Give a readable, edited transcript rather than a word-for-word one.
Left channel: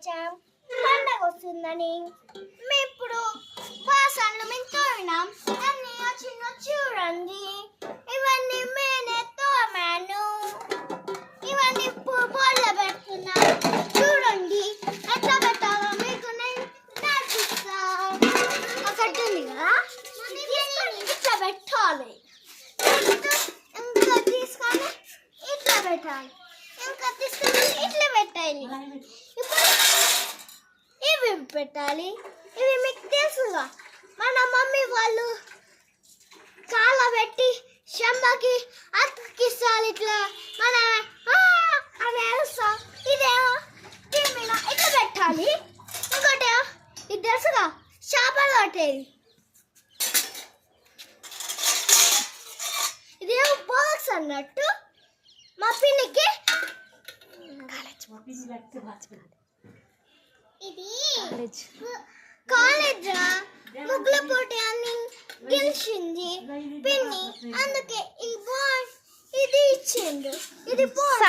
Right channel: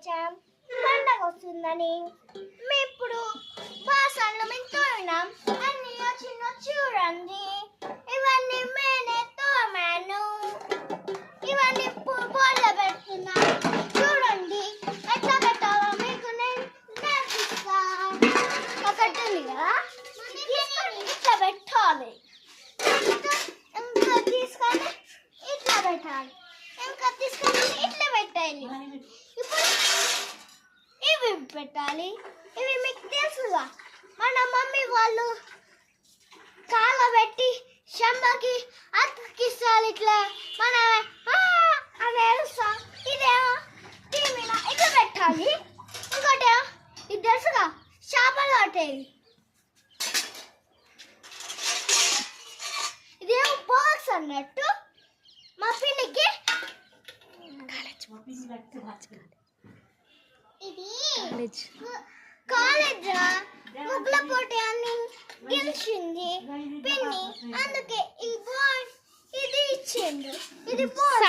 వచ్చాం పండగ వస్తుందని. మేము ఇప్పుడు బాసన్లు మేము తోమినాం, అన్నీ వచ్చిన చూడండి. ఇవన్నీ నేనే తోమాను, ఇవన్నీ బోర్ల పెడుతున్నా చూడండి. ఎట్లా పెట్టాలో మీకు నేను నేర్పిస్తా. ఒకటి ఉంది కదా, ఇట్లా పెట్టాలి, ఇంకా తీసుకొని ఇట్లా పెట్టాలి, ఇంకా తీసుకొని ఇట్లా పెట్టాలి. ఇప్పుడు ఇవి పెట్టాలి. ఇవి మీకు తెలుసుగా, మన మమ్మీ వాళ్ళు కాలబెట్టి శంబకి అతికిస్తారు. ఇట్లా మన అని వేస్తాం. ఇదేమో దీని మీద ఇట్లా పెట్టాలి. ఇంకోటి ఇది తెలుసుగా, చేపలు పట్టేది. ఇదేమో బాక్స్ అన్నట్టు మా పిన్నికి. ఇది కాలేజ్ ముగ్గుల పోటీ అని గెలిచింది పిన్ని, అందుకే ఇది ఇచ్చిండు. ఇది బాగుంది.